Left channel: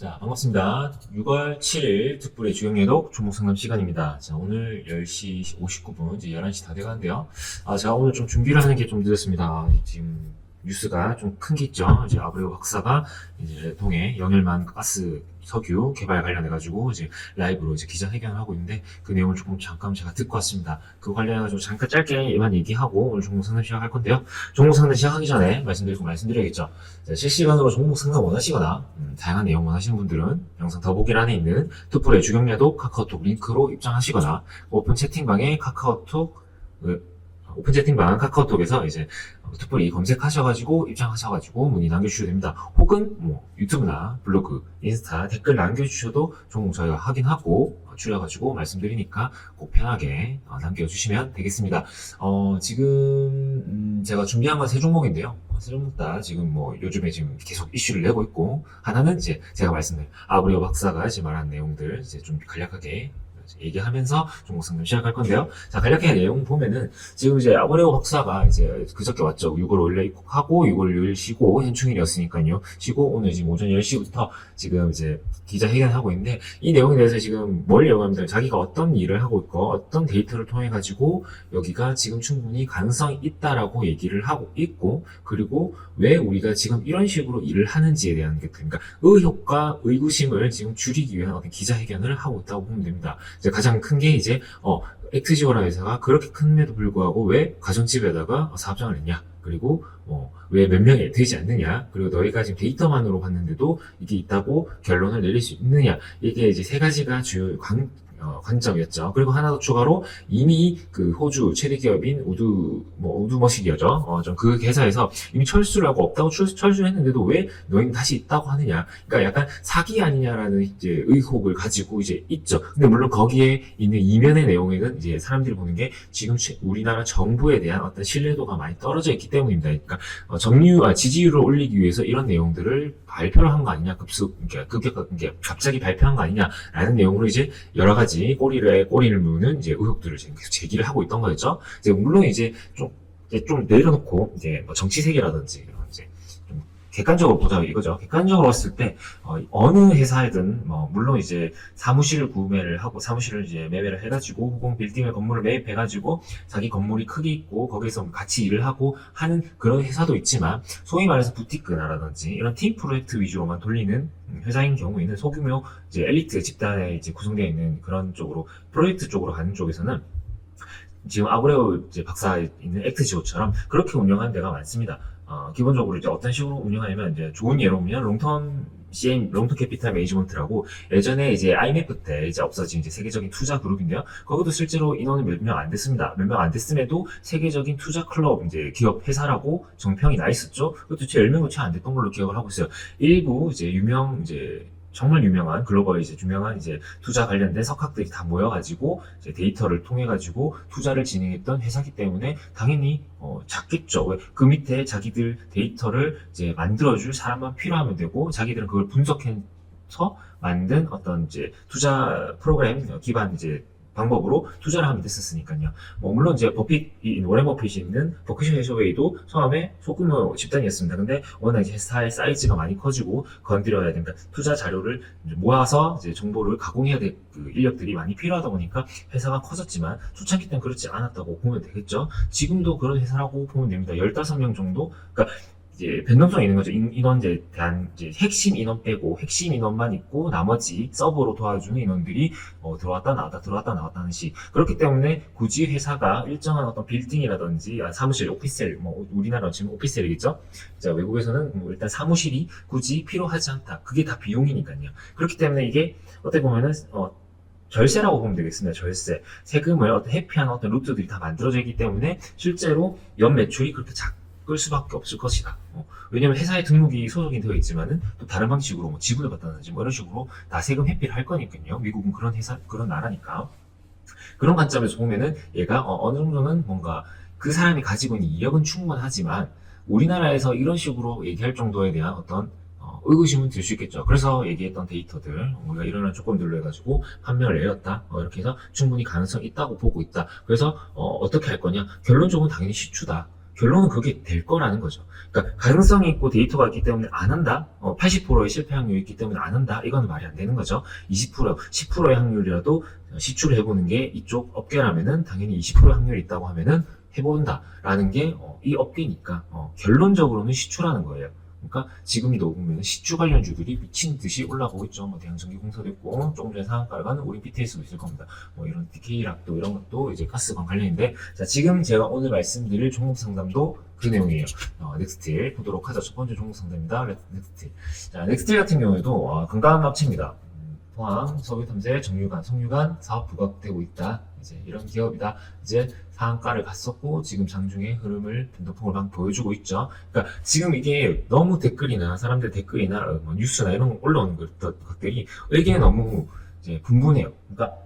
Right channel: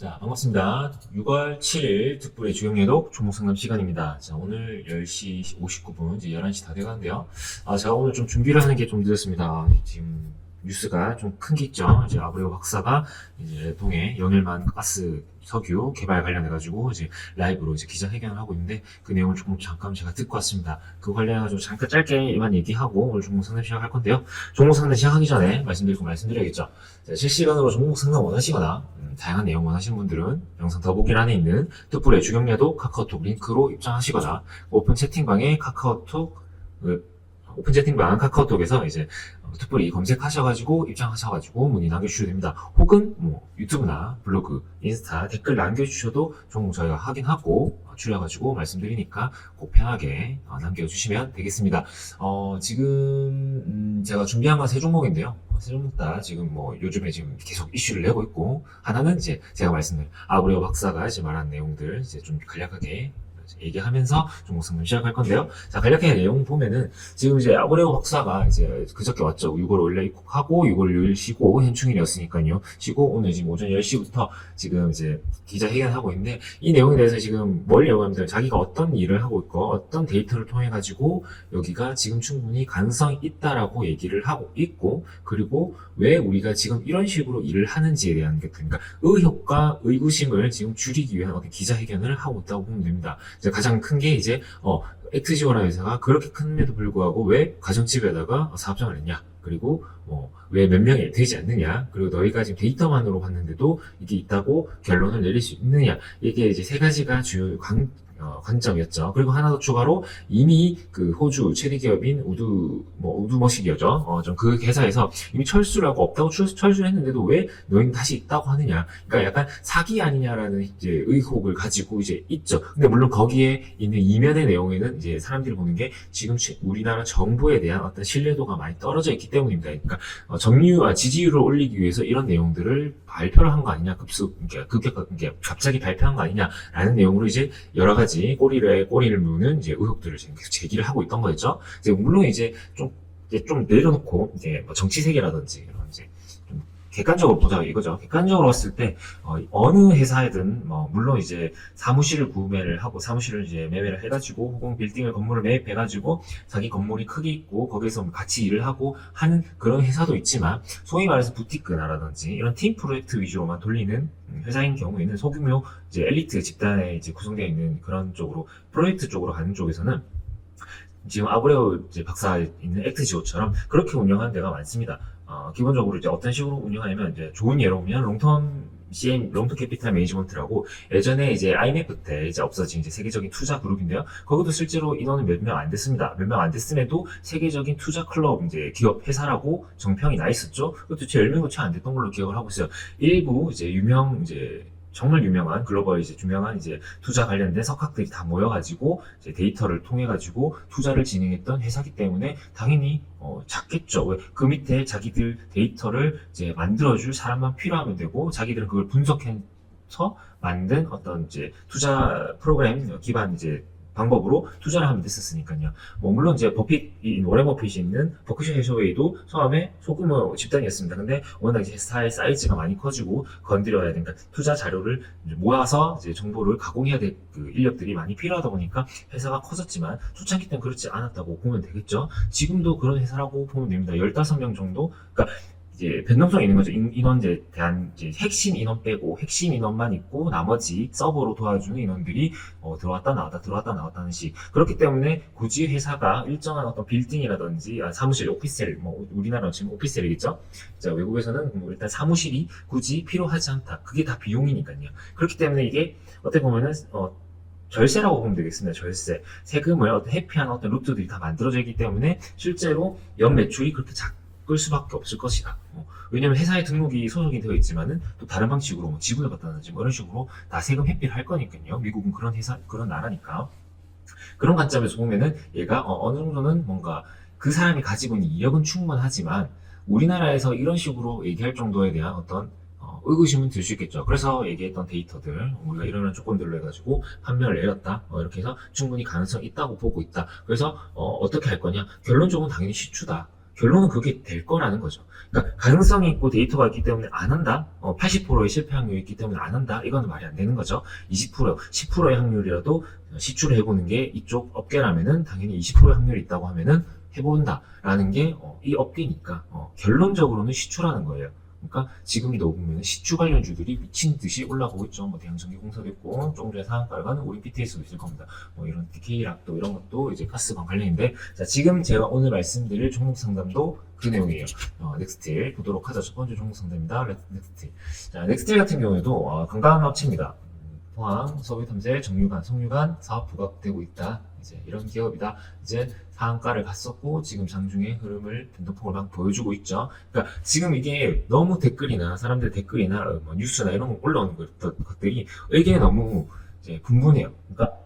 자, 반갑습니다. 6월 7일 특불의 주경예독 종목상담 시간입니다. 자, 오늘 10시 59분, 이제 11시 다 돼가는데요. 제가 오늘 좀 준비를 하는 게 좀 늦었습니다. 지금 뉴스가 좀 큰 게 있죠. 이제 아브레오 박사가 이제 통해 영일만 가스 석유 개발 관련해가지고 이제 라이브로 이제 기자회견을 하고 있는데 그 내용을 조금 잠깐 제가 듣고 왔습니다. 그 관련해가지고 잠깐 짧게만 얘기하고 오늘 종목 상담 시작할 건데요. 종목 상담 시작하기 전에 말씀드려야겠죠. 자, 실시간으로 종목 상담 원하시거나 다양한 내용 원하시는 분들은 영상 더보기란에 있는 뚜뿔의 주경야독 카카오톡 링크로 입장하시거나 오픈 채팅방에 오픈 채팅방 카카오톡에서 이제 뚜뿔이 검색하셔가지고 입장하셔가지고 문의 남겨주셔도 됩니다. 혹은 뭐 유튜브나 블로그, 인스타 댓글 남겨주셔도 종목 저희가 확인하고 추려가지고 말씀드리니까 꼭 편하게 남겨주시면 되겠습니다. 지금 제가 준비한 건 세 종목인데요. 세 종목 다 지금 뭐 요즘에 지금 계속 이슈를 내고 있고, 하나는 이제 제가 말씀드린 아브레오 박사가 이제 말한 내용들 이제 좀 간략하게 얘기하면서 종목 상담 시작할 건데요. 자, 간략하게 내용 보면은 지금 이제 아브레오 박사가 이제 그저께 왔죠. 6월 5일 입국하고 6월 6일 쉬고 현충일이었으니까요. 쉬고 오늘 지금 오전 10시부터 지금 이제 기자회견하고 있는데, 이 내용에 대해서 지금 뭘 얘기하면 자기가 어떤 일을 하고 있고 어떤 데이터를 통해 가지고 여기가 지금 충분히 가능성이 있다라고 얘기를 하고 있고, 그리고 왜 우리가 지금 이런 식으로 일을 하는지에 대한 게, 그러니까 의혹과 의구심을 지금 줄이기 위한 어떤 기자회견을 하고 있다고 보면 됩니다. 이제 가장 큰 게 이제 엑트지오라 회사가 그렇게 큰데도 불구하고 왜 가정집에다가 사업장을 했냐, 그리고 왜 몇 명이 되지 않느냐, 그리고 너희가 지금 데이터만으로 봤는데도 이게 있다고 결론을 내릴 수 있느냐, 이게 이제 세 가지가 주요 관점이었죠. 그리고 하나 더 추가로 이미 그 호주 최대 기업인 우드머시기어죠. 좀 그 회사에서 이미 철수를 하고 없다고 철수했는데도 왜 너희는 다시 있다고 하느냐. 그러니까 약간 사기 아니냐라는 이제 의혹을 가지고 이제 있죠. 근데 물론 거기에 있는 이면의 내용에는 이제 사람들이 보는 게 지금 우리나라 정부에 대한 어떤 신뢰도가 많이 떨어져 있기 때문입니다. 그러니까 지지율을 올리기 위해서 이런 내용들을 발표를 한 거 아니냐, 갑자기 발표한 거 아니냐라는 내용으로 이제 여러 가지 꼬리를 무는 이제 의혹들을 지금 계속 제기를 하고 있던 거였죠. 이제 물론 이제 좀 내려놓고 이제 뭐 정치 세계라든지 이제 좀 객관적으로 보자 이거죠. 객관적으로 봤을 때 어느 회사이든 물론 이제 사무실을 구매를 하고 사무실을 이제 매매를 해가지고 혹은 건물을 매입해가지고 자기 건물이 크게 있고 거기서 같이 일을 하고 하는 그런 회사도 있지만, 소위 말해서 부티크나라든지 이런 팀 프로젝트 위주로만 돌리는 회사인 경우에는 소규모 이제 엘리트 집단에 이제 구성되어 있는 그런 쪽으로 프로젝트 쪽으로 가는 쪽에서는 지금 아브레오 이제 박사 있는 엑트지오처럼 그렇게 운영하는 데가 많습니다. 기본적으로 이제 어떤 식으로 운영하냐면, 이제 좋은 예로 보면 롱턴 캐피탈 매니지먼트라고 예전에 이제 IMF 때 이제 없어진 이제 세계적인 투자 그룹인데요. 거기도 실제로 인원이 몇 명 안 됐습니다. 몇 명 안 됐음에도 세계적인 투자 클럽 이제 기업 회사라고 정평이 나 있었죠. 그것도 제 10명도 채 안 됐던 걸로 기억을 하고 있어요. 일부 이제 정말 유명한 글로벌 이제 유명한 이제 투자 관련된 석학들이 다 모여가지고 이제 데이터를 통해 가지고 투자를 진행했던 회사기 때문에 당연히 작겠죠. 왜? 그 밑에 자기들 데이터를 이제 만들어줄 사람만 필요하면 되고, 자기들은 그걸 분석해서 만든 어떤 이제 투자 프로그램 기반 이제 방법으로 투자를 하면 됐었으니까요. 물론 이제 워렌 버핏이 있는 버크셔 해서웨이도 처음에 소규모 집단이었습니다. 근데 워낙 이제 회사의 사이즈가 많이 커지고 건드려야 되니까 투자 자료를 모아서 이제 정보를 가공해야 될 그 인력들이 많이 필요하다 보니까 회사가 커졌지만, 초창기 때는 그렇지 않았다고 보면 되겠죠. 지금도 그런 회사라고 보면 됩니다. 15명 정도? 그러니까 이제 변동성이 있는 거죠. 인원에 대한 이제 핵심 인원 빼고 핵심 인원만 있고 나머지 서버로 도와주는 인원들이 들어왔다 나왔다 하는 식. 그렇기 때문에 굳이 회사가 일정한 어떤 빌딩이라든지 사무실, 오피스텔, 우리나라는 지금 오피스텔이겠죠. 자, 외국에서는 일단 사무실이 굳이 필요하지 않다. 그게 다 비용이니까요. 그렇기 때문에 이게 어떻게 보면은 절세라고 보면 되겠습니다. 절세. 세금을 어떤 회피하는 어떤 루트들이 다 만들어져 있기 때문에 실제로 연 매출이 그렇게 작을 수밖에 없을 것이다. 왜냐면 회사에 등록이 소속이 되어 있지만은 또 다른 방식으로 지분을 받다든지 이런 식으로 다 세금 회피를 할 거니까요. 미국은 그런 나라니까. 그런 관점에서 보면은 얘가 어느 정도는 뭔가 그 사람이 가지고 있는 이력은 충분하지만 우리나라에서 이런 식으로 얘기할 정도에 대한 어떤 의구심은 들 수 있겠죠. 그래서 얘기했던 데이터들, 우리가 이런 조건들로 해가지고 판명을 내렸다. 이렇게 해서 충분히 가능성이 있다고 보고 있다. 그래서 어떻게 할 거냐? 결론적으로는 당연히 시추다. 결론은 그게 될 거라는 거죠. 그러니까 가능성이 있고 데이터가 있기 때문에 안 한다? 80%의 실패 확률이 있기 때문에 안 한다? 이거는 말이 안 되는 거죠. 20%, 10%의 확률이라도 시추를 해보는 게 이쪽 업계라면은 당연히 20%의 확률이 있다고 하면은 해본다라는 게 이 업계니까 결론적으로는 시추라는 거예요. 그러니까 지금도 보면 시추 관련주들이 미친 듯이 올라가고 있죠. 뭐 대한전기공사도 있고 조금 전에 상한가를 가는 우린 BTS도 있을 겁니다. 뭐 이런 DK락도 이런 것도 이제 가스관 관련인데, 자 지금 제가 오늘 말씀드릴 종목 상담도 그 내용이에요. 넥스틸 보도록 하죠. 첫 번째 종목 상담입니다. 넥스틸. 자 넥스틸 같은 경우에도 건강한 업체입니다. 포항, 석유탐재, 정유관, 석유관 사업 부각되고 있다. 이제 이런 기업이다. 이제 상한가를 갔었고 지금 장중에 흐름을 변동폭을 막 보여주고 있죠. 그러니까 지금 이게 너무 댓글이나 사람들 댓글이나 뭐 뉴스나 이런 거 올라오는 것들이 이게 너무 이제 분분해요. 그러니까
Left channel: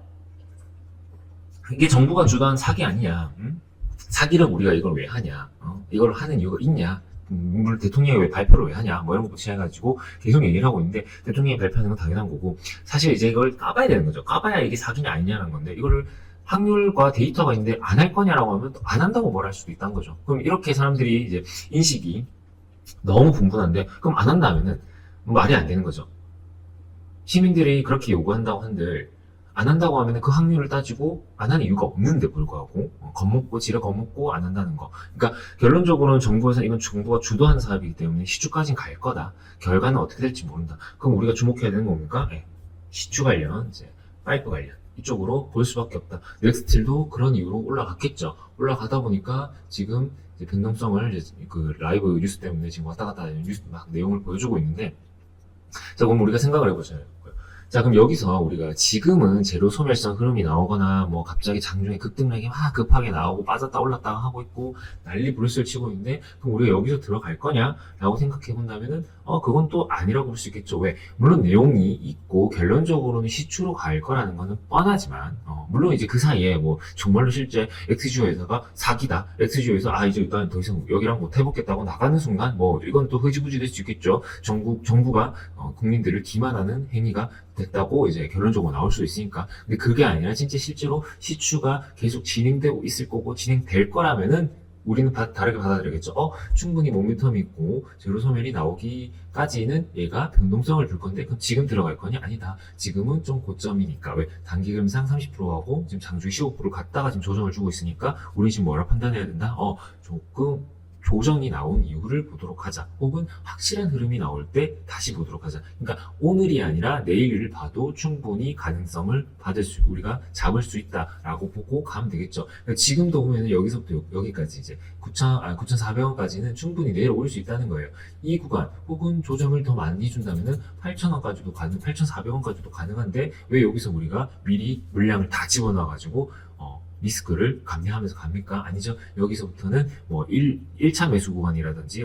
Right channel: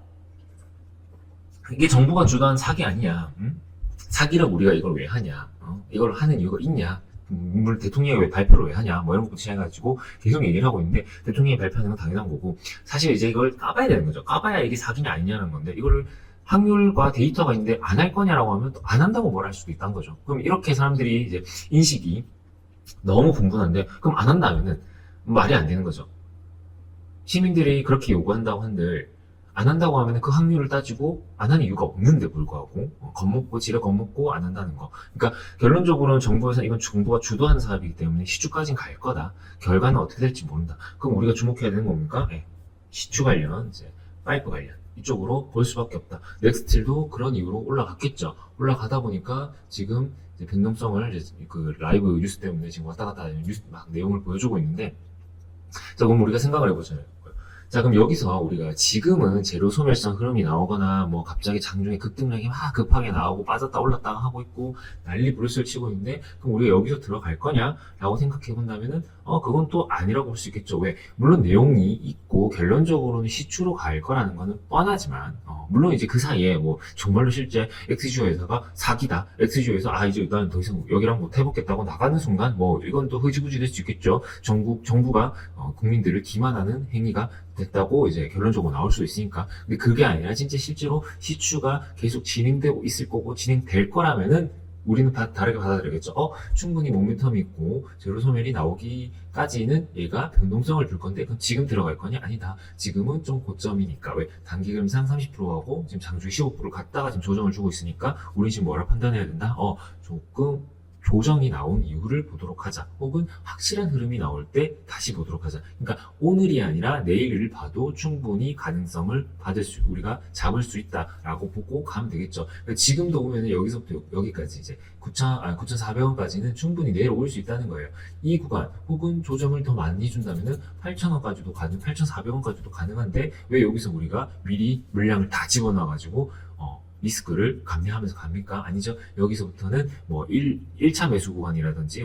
이게 정부가 주도한 사기 아니야. 응? 사기를 우리가 이걸 왜 하냐? 이걸 하는 이유가 있냐? 물론 대통령이 왜 발표를 왜 하냐, 뭐 이런 것부터 시작해가지고 계속 얘기를 하고 있는데, 대통령이 발표하는 건 당연한 거고, 사실 이제 이걸 까봐야 되는 거죠. 까봐야 이게 사기냐 아니냐는 건데, 이거를 확률과 데이터가 있는데 안 할 거냐라고 하면 또 안 한다고 뭘 할 수도 있다는 거죠. 그럼 이렇게 사람들이 이제 인식이 너무 분분한데, 그럼 안 한다면은 말이 안 되는 거죠. 시민들이 그렇게 요구한다고 한들 안 한다고 하면 그 확률을 따지고 안 하는 이유가 없는데 불구하고 겁먹고 지레 겁먹고 안 한다는 거. 그러니까 결론적으로는 정부에서 이건 정부가 주도하는 사업이기 때문에 시추까지는 갈 거다. 결과는 어떻게 될지 모른다. 그럼 우리가 주목해야 되는 겁니까? 네. 시추 관련, 이제 파이프 관련 이쪽으로 볼 수밖에 없다. 넥스틸도 그런 이유로 올라갔겠죠. 올라가다 보니까 지금 이제 변동성을 이제 그 라이브 뉴스 때문에 지금 왔다 갔다 하는 뉴스 막 내용을 보여주고 있는데, 자 그럼 우리가 생각을 해보잖아요. 자 그럼 여기서 우리가 지금은 재료 소멸성 흐름이 나오거나 뭐 갑자기 장중에 급등락이 막 급하게 나오고 빠졌다 올랐다 하고 있고 난리 부르스를 치고 있는데, 그럼 우리가 여기서 들어갈 거냐 라고 생각해 본다면은 그건 또 아니라고 볼 수 있겠죠. 왜? 물론 내용이 있고 결론적으로는 시추로 갈 거라는 거는 뻔하지만 물론 이제 그 사이에 뭐 정말로 실제 엑스지오 회사가 사기다, 엑스지오 회사 이제 난 더 이상 여기랑 못 해보겠다고 나가는 순간 뭐 이건 또 흐지부지 될 수 있겠죠. 정부가 국민들을 기만하는 행위가 됐다고 이제 결론적으로 나올 수 있으니까. 근데 그게 아니라 진짜 실제로 시추가 계속 진행되고 있을 거고 진행될 거라면은 우리는 다르게 받아들여야겠죠. 충분히 모멘텀이 있고 제로 소멸이 나오기까지는 얘가 변동성을 줄 건데, 그럼 지금 들어갈 거냐? 아니다. 지금은 좀 고점이니까. 왜? 단기금상 30%하고 지금 장중 15% 갔다가 지금 조정을 주고 있으니까 우리 지금 뭐라 판단해야 된다? 조금 조정이 나온 이유를 보도록 하자. 혹은 확실한 흐름이 나올 때 다시 보도록 하자. 그러니까 오늘이 아니라 내일을 봐도 충분히 가능성을 우리가 잡을 수 있다라고 보고 가면 되겠죠. 그러니까 지금도 보면 여기서부터 여기까지 이제 9,400원까지는 충분히 내려올 수 있다는 거예요. 이 구간 혹은 조정을 더 많이 준다면은 8,000원까지도 8,400원까지도 가능한데, 왜 여기서 우리가 미리 물량을 다 집어넣어가지고 리스크를 감내하면서 갑니까? 아니죠. 여기서부터는 뭐 1차 매수 구간이라든지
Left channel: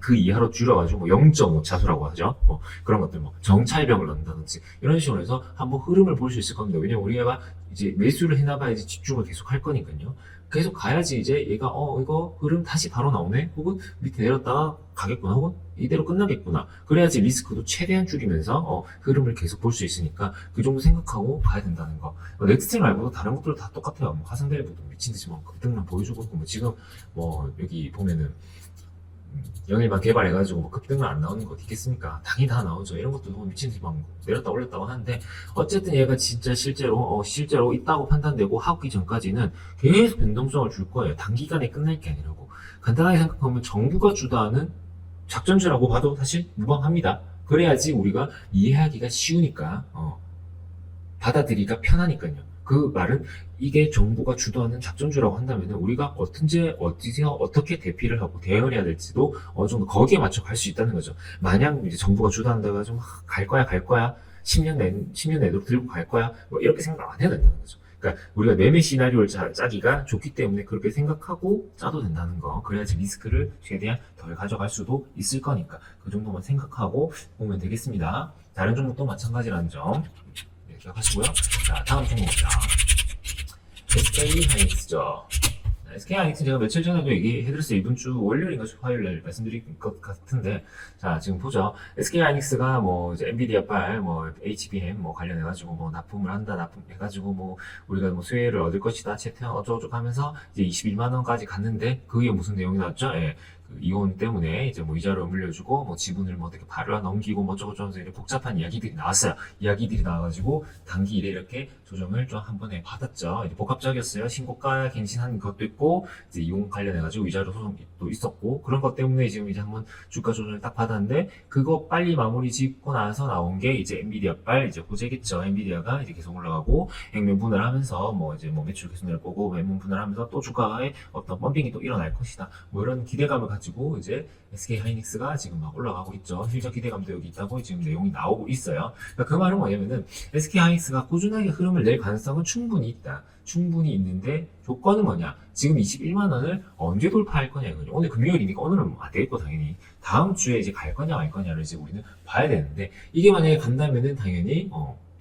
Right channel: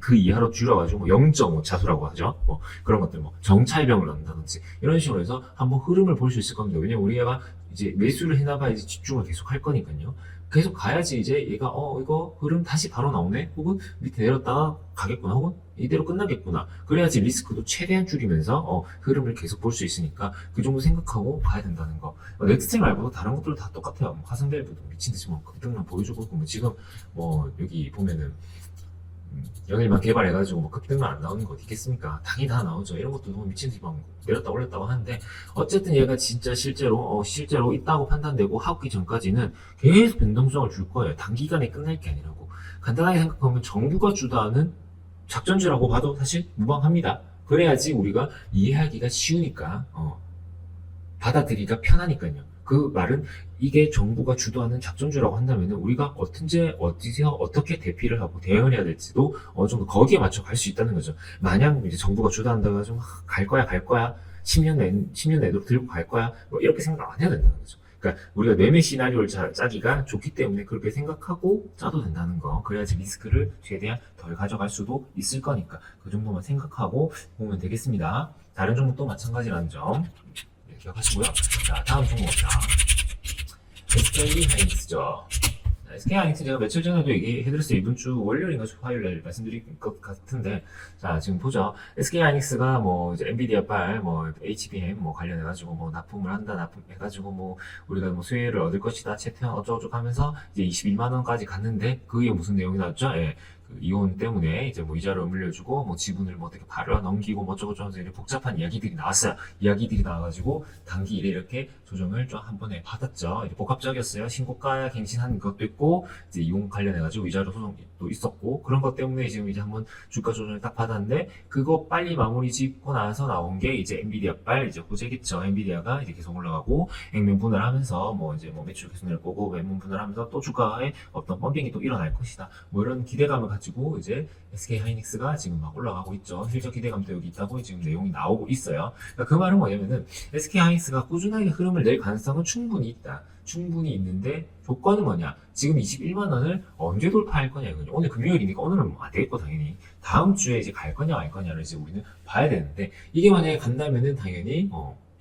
그 이하로 줄여가지고 0.5 차수라고 하죠. 뭐 그런 것들, 뭐 정찰병을 넣는다든지 이런 식으로 해서 한번 흐름을 볼 수 있을 겁니다. 왜냐면 우리가 이제 매수를 해나봐야 이제 집중을 계속 할 거니까요. 계속 가야지 이제 얘가 이거 흐름 다시 바로 나오네, 혹은 밑에 내렸다가 가겠구나, 혹은 이대로 끝나겠구나. 그래야지 리스크도 최대한 줄이면서 흐름을 계속 볼 수 있으니까 그 정도 생각하고 가야 된다는 거. 넥스틸 말고도 다른 것들도 다 똑같아요. 뭐 화성밸브도 미친듯이 뭐 급등만 보여주고 있고, 지금 뭐 여기 보면은 영일만 개발해가지고 뭐 급등만 안 나오는 거 어디 있겠습니까? 당연히 다 나오죠. 이런 것도 뭐 미친듯이 막 내렸다 올렸다고 하는데, 어쨌든 얘가 진짜 실제로 있다고 판단되고 하기 전까지는 계속 변동성을 줄 거예요. 단기간에 끝날 게 아니라고. 간단하게 생각하면 정부가 주도하는 작전주라고 봐도 사실 무방합니다. 그래야지 우리가 이해하기가 쉬우니까 받아들이기가 편하니까요. 그 말은 이게 정부가 주도하는 작전주라고 한다면 우리가 어디서 어떻게 대피를 하고 대응을 해야 될지도 어느 정도 거기에 맞춰 갈 수 있다는 거죠. 마냥 이제 정부가 주도한다가 좀 갈 거야 10년 내로 들고 갈 거야 뭐 이렇게 생각 안 해야 된다는 거죠. 그러니까 우리가 매매 시나리오를 짜기가 좋기 때문에 그렇게 생각하고 짜도 된다는 거. 그래야지 리스크를 최대한 덜 가져갈 수도 있을 거니까 그 정도만 생각하고 보면 되겠습니다. 다른 종목도 마찬가지라는 점 기억하시고요. 자, 다음 종목입니다. SK 하이닉스죠. SK하이닉스 제가 며칠 전에도 얘기해드렸어요. 이번 주 월요일인가 화요일날 말씀드린 것 같은데, 자 지금 보죠. SK하이닉스가 뭐 이제 엔비디아빨, 뭐 HBM 뭐 관련해가지고 뭐 납품을 한다, 납품해가지고 뭐 우리가 뭐 수혜를 얻을 것이다, 채택 어쩌고저쩌고 하면서 이제 22만 원까지 갔는데 그게 무슨 내용이 나왔죠? 예. 그 이혼 때문에 이제 뭐 이자를 물려주고 뭐 지분을 뭐 어떻게 팔아 넘기고 뭐 어쩌고저쩌고 이렇게 복잡한 이야기들이 나왔어요. 이야기들이 나와가지고 단기일에 이렇게 조정을 좀 한 번에 받았죠. 이제 복합적이었어요. 신고가 갱신한 것도 있고 이제 이용 관련해가지고 위자료 소송도 있었고 그런 것 때문에 지금 이제 한번 주가 조정을 딱 받았는데 그거 빨리 마무리 짓고 나서 나온 게 이제 엔비디아빨 이제 호재겠죠. 엔비디아가 이제 계속 올라가고 액면 분할하면서 뭐 이제 뭐 매출 계속 낼 거고 외면 분할하면서 또 주가에 어떤 펌핑이 또 일어날 것이다. 뭐 이런 기대감을 가지고 이제 SK하이닉스가 지금 막 올라가고 있죠. 실적 기대감도 여기 있다고 지금 내용이 나오고 있어요. 그러니까 그 말은 뭐냐면은 SK하이닉스가 꾸준하게 흐름을 낼 가능성은 충분히 있다. 충분히 있는데 조건은 뭐냐? 지금 21만 원을 언제 돌파할 거냐 이거죠. 오늘 금요일이니까 오늘은 뭐 안 되겠고 당연히 다음 주에 이제 갈 거냐 말 거냐를 이제 우리는 봐야 되는데 이게 만약에 간다면은 당연히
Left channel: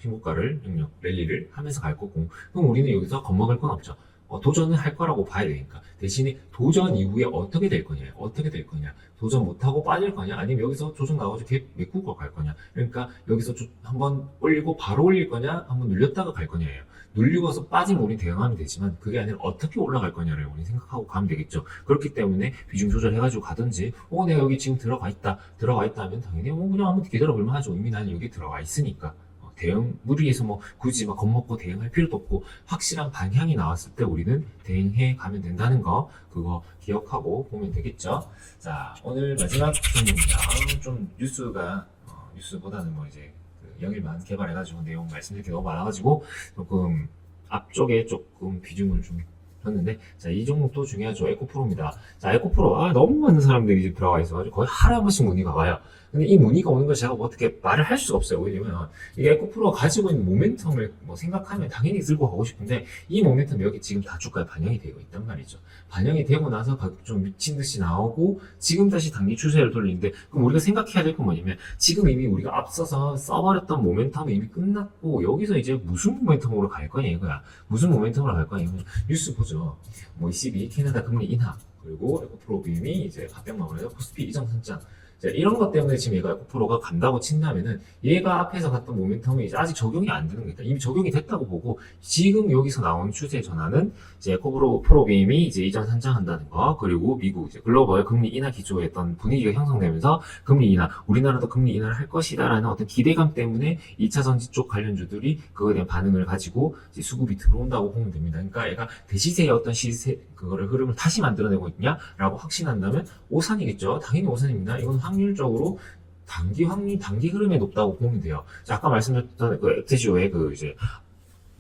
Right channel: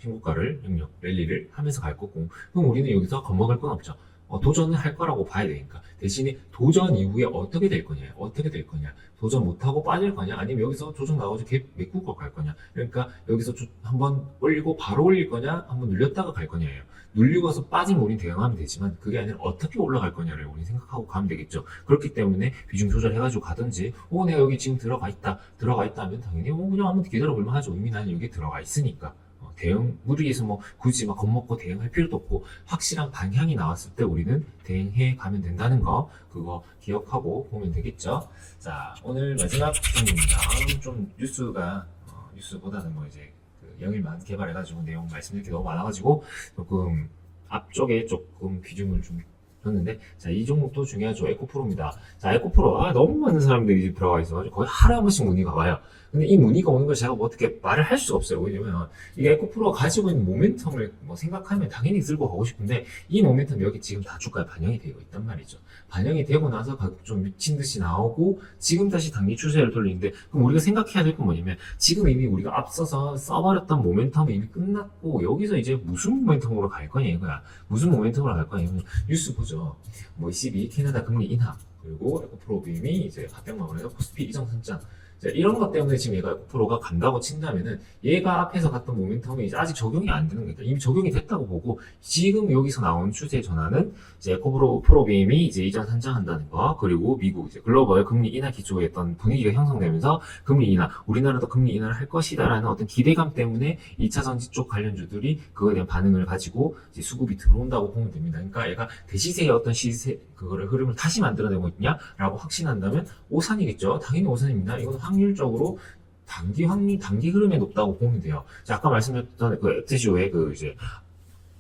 신고가를 능력 랠리를 하면서 갈 거고 그럼 우리는 여기서 겁먹을 건 없죠. 도전을 할 거라고 봐야 되니까 대신에 도전 이후에 어떻게 될 거냐 어떻게 될 거냐 도전 못하고 빠질 거냐 아니면 여기서 조정 나가지고 계속 메꾸고 갈 거냐 그러니까 여기서 한번 올리고 바로 올릴 거냐 한번 눌렸다가 갈 거냐예요. 눌리고서 빠지면 우리 대응하면 되지만 그게 아니라 어떻게 올라갈 거냐를 우리 생각하고 가면 되겠죠. 그렇기 때문에 비중 조절해가지고 가든지 내가 여기 지금 들어가 있다 하면 당연히 그냥 한번 기다려볼만 하죠. 이미 나는 여기 들어가 있으니까 대응 무리해서 뭐 굳이 막 겁먹고 대응할 필요도 없고 확실한 방향이 나왔을 때 우리는 대응해 가면 된다는 거 그거 기억하고 보면 되겠죠. 자 오늘 마지막 부분입니다. 좀 뉴스보다는 뭐 이제 그 영일만 개발해가지고 내용 말씀드릴 게 너무 많아가지고 조금 앞쪽에 조금 비중을 좀 줬는데 자 이 종목도 중요하죠. 에코프로입니다. 자 에코프로 너무 많은 사람들이 이제 들어가 있어가지고 거의 하루에 한 번씩 문의가 와요. 근데 이 문의가 오는 걸 제가 뭐 어떻게 말을 할 수가 없어요. 왜냐면 이게 에코프로가 가지고 있는 모멘텀을 뭐 생각하면 당연히 들고 가고 싶은데 이 모멘텀이 여기 지금 다 주가에 반영이 되고 있단 말이죠. 반영이 되고 나서 가격 좀 미친 듯이 나오고 지금 다시 단기 추세를 돌리는데 그럼 우리가 생각해야 될 건 뭐냐면 지금 이미 우리가 앞서서 써버렸던 모멘텀이 이미 끝났고 여기서 이제 무슨 모멘텀으로 갈 거냐 이거야. 무슨 모멘텀으로 갈 거냐 이거야. 뉴스 보죠. 뭐 22 캐나다 금리 인하 그리고 에코프로 빔이 이제 400만 원에서 코스피 이정 선장 자, 이런 것 때문에 지금 얘가 에코프로가 간다고 친다면은 얘가 앞에서 갔던 모멘텀이 이제 아직 적용이 안 되는 거니까 이미 적용이 됐다고 보고 지금 여기서 나온 추세 전환은 이제 에코프로빔이 이제 이전 선장한다는 거 그리고 미국 이제 글로벌 금리 인하 기조에 했던 분위기가 형성되면서 금리 인하 우리나라도 금리 인하를 할 것이다라는 어떤 기대감 때문에 2차 전지 쪽 관련주들이 그거에 대한 반응을 가지고 이제 수급이 들어온다고 보면 됩니다. 그러니까 얘가 대시세의 어떤 시세 그거를 흐름을 다시 만들어내고 있냐라고 확신한다면 오산이겠죠. 당연히 오산입니다. 이건 확률적으로 단기 흐름에 높다고 보면 돼요. 자, 아까 말씀드렸던 그 엑세시오의 그 이제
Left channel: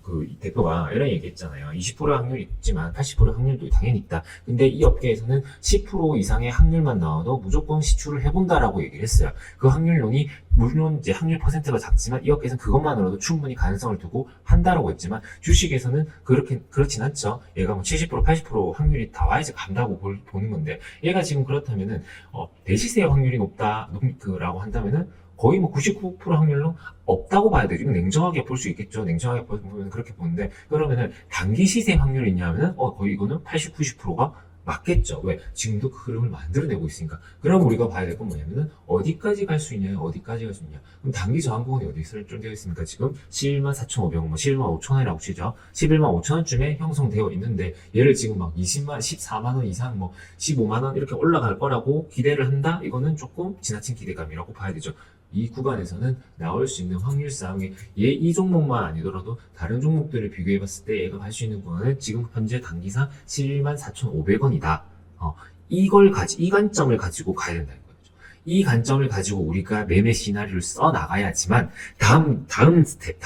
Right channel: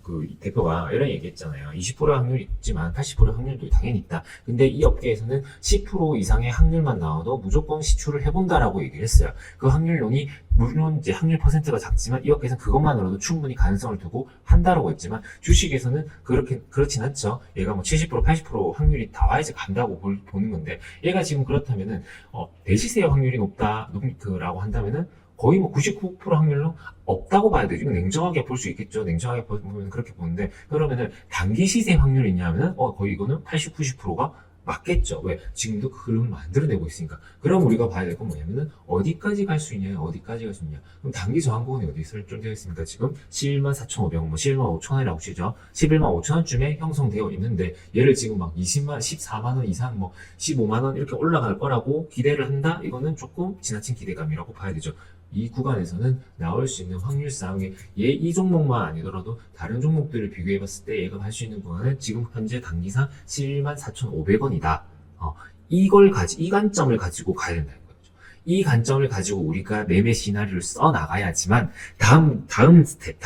그 대표가 이런 얘기했잖아요. 20% 확률이 있지만 80% 확률도 당연히 있다. 근데 이 업계에서는 10% 이상의 확률만 나와도 무조건 시추를 해본다라고 얘기를 했어요. 그 확률론이 물론 이제 확률 퍼센트가 작지만 이 업계에서는 그것만으로도 충분히 가능성을 두고 한다라고 했지만 주식에서는 그렇진 않죠. 얘가 뭐 70% 80% 확률이 다 와야지 간다고 보는 건데 얘가 지금 그렇다면은 대시세 확률이 높다라고 한다면은 거의 뭐 99% 확률로 없다고 봐야 되죠. 냉정하게 볼 수 있겠죠. 냉정하게 보면 그렇게 보는데 그러면은 단기 시세 확률이 있냐면은 거의 이거는 80, 90%가 맞겠죠. 왜? 지금도 그 흐름을 만들어내고 있으니까. 그럼 우리가 봐야 될 건 뭐냐면은 어디까지 갈 수 있냐, 어디까지 갈 수 있냐. 그럼 단기 저항 구간이 어디 설정되어 있습니까? 지금 11만 4,500원, 뭐 11만 5천 원이라고 치죠. 11만 5천 원쯤에 형성되어 있는데 얘를 지금 막 20만, 14만 원 이상, 뭐 15만 원 이렇게 올라갈 거라고 기대를 한다? 이거는 조금 지나친 기대감이라고 봐야 되죠. 이 구간에서는 나올 수 있는 확률상 이 종목만 아니더라도 다른 종목들을 비교해 봤을 때 얘가 갈 수 있는 구간은 지금 현재 단기상 74,500원이다. 이 관점을 가지고 가야 된다는 거죠. 이 관점을 가지고 우리가 매매 시나리오를 써 나가야지만 다음 스텝.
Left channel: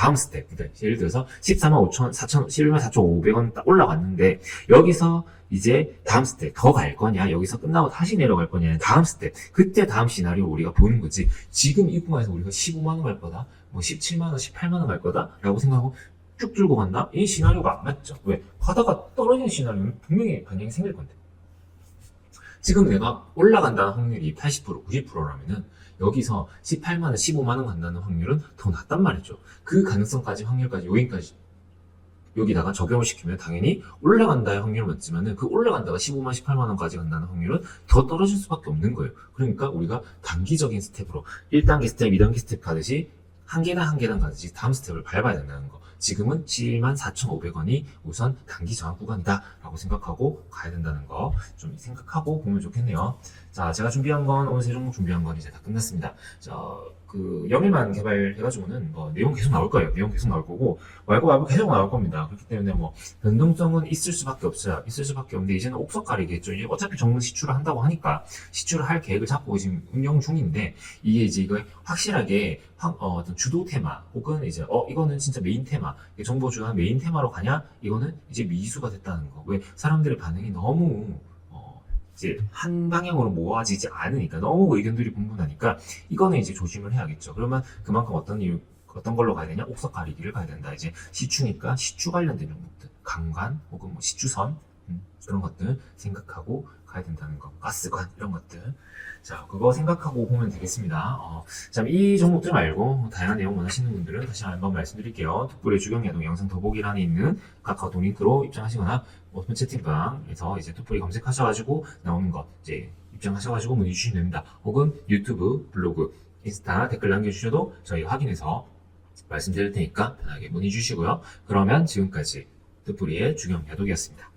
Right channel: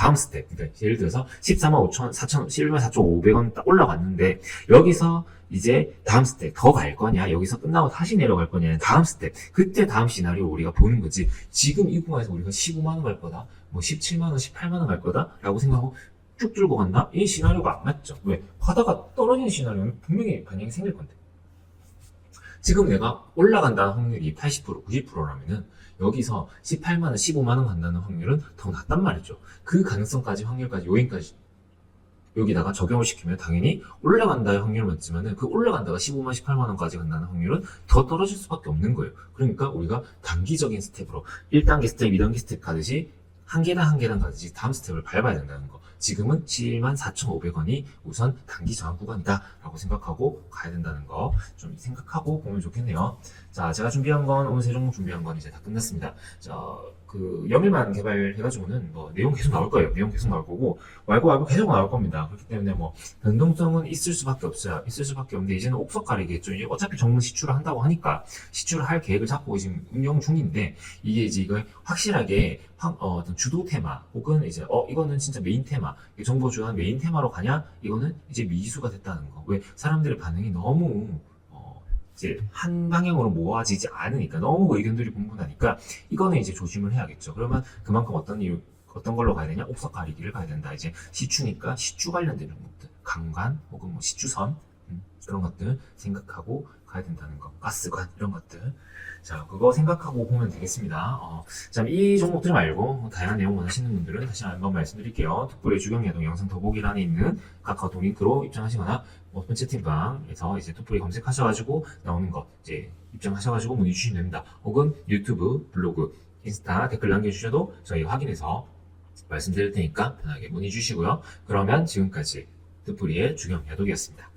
그러니까 예를 들어서 14,500원 딱 올라갔는데 여기서 이제 다음 스텝 더 갈 거냐 여기서 끝나고 다시 내려갈 거냐 다음 스텝 그때 다음 시나리오 우리가 보는 거지 지금 이 구간에서 우리가 15만 원 갈 거다 뭐 17만 원 18만 원 갈 거다 라고 생각하고 쭉 줄고 간다 이 시나리오가 안 맞죠. 왜? 하다가 떨어지는 시나리오는 분명히 반영이 생길 건데 지금 내가 올라간다는 확률이 80% 90%라면은 여기서 18만 원 15만 원 간다는 확률은 더 낮단 말이죠. 그 가능성까지 확률까지 요인까지 여기다가 적용을 시키면 당연히 올라간다의 확률은 많지만은 그 올라간다가 15만, 18만 원까지 간다는 확률은 더 떨어질 수밖에 없는 거예요. 그러니까 우리가 단기적인 스텝으로 1단계 스텝, 2단계 스텝 가듯이 한 계단 한 계단 가듯이 다음 스텝을 밟아야 된다는 거. 지금은 74,500원이 우선 단기 저항 구간이다 라고 생각하고 가야 된다는 거 좀 생각하고 보면 좋겠네요. 자, 제가 준비한 건 오늘 세 종목 준비한 건 이제 다 끝났습니다. 자, 그 영일만 개발해가지고는 뭐 내용 계속 나올 거예요. 내용 계속 나올 거고 말고 계속 나올 겁니다. 그렇기 때문에 뭐 변동성은 있을 수밖에 없어요. 있을 수밖에 없는데 이제는 옥석 가리겠죠. 이제 어차피 정문 시추를 한다고 하니까 시추를 할 계획을 잡고 지금 운영 중인데 이게 이제 이거 확실하게 어떤 주도 테마 혹은 이제 이거는 진짜 메인 테마 정보 주간 메인 테마로 가냐 이거는 이제 미수가 됐다는 거. 왜 사람들의 반응이 너무 이제 한 방향으로 모아지지 않으니까 너무 의견들이 분분하니까 이거는 이제 조심을 해야겠죠. 그러면 그만큼 어떤 걸로 가야 되냐? 옥석 가리기를 가야 된다. 이제 시추니까 시추 관련된 종목들, 강간 혹은 뭐 시추선 그런 것들 생각하고 가야 된다는 거. 가스관 이런 것들. 자, 그거 생각하고 보면 되겠습니다. 자, 이 종목들 말고 다양한 내용 원하시는 분들은 다시 한번 말씀드릴게요. 특별히 주경야동 영상 더보기란에 있는 카카오톡 링크로 입장하시거나 오픈 채팅방에서 이제 톡플이 검색하셔가지고 나오는 거 이제 입장하셔가지고 문의 주시면 됩니다. 혹은 유튜브, 블로그, 인스타 댓글 남겨주셔도 저희 확인해서 말씀드릴 테니까 편하게 문의 주시고요. 그러면 지금까지 톡플이의 주경야독이었습니다.